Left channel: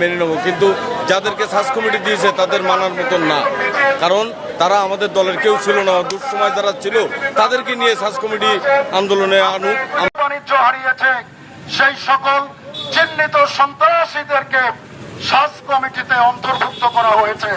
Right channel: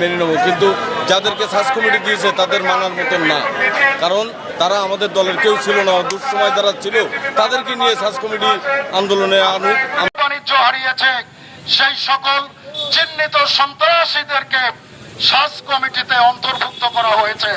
মেনে নেব, কিন্তু যাদেরকে সার্চ কমিটি দিয়েছে তাদের মানার মতন না, কারণ তারা আমাদের দলের কেউ ছিল না। দুঃসময় যারা ছিল তাদেরকে নিয়ে সার্চ কমিটি আন্দোলনে আনুক। বাণিজ্য হারিয়েছে সেই সকল চিহ্নিত সন্ত্রাসীদেরকে সার্চ কমিটিতে অন্তর্ভুক্ত করা হয়েছে।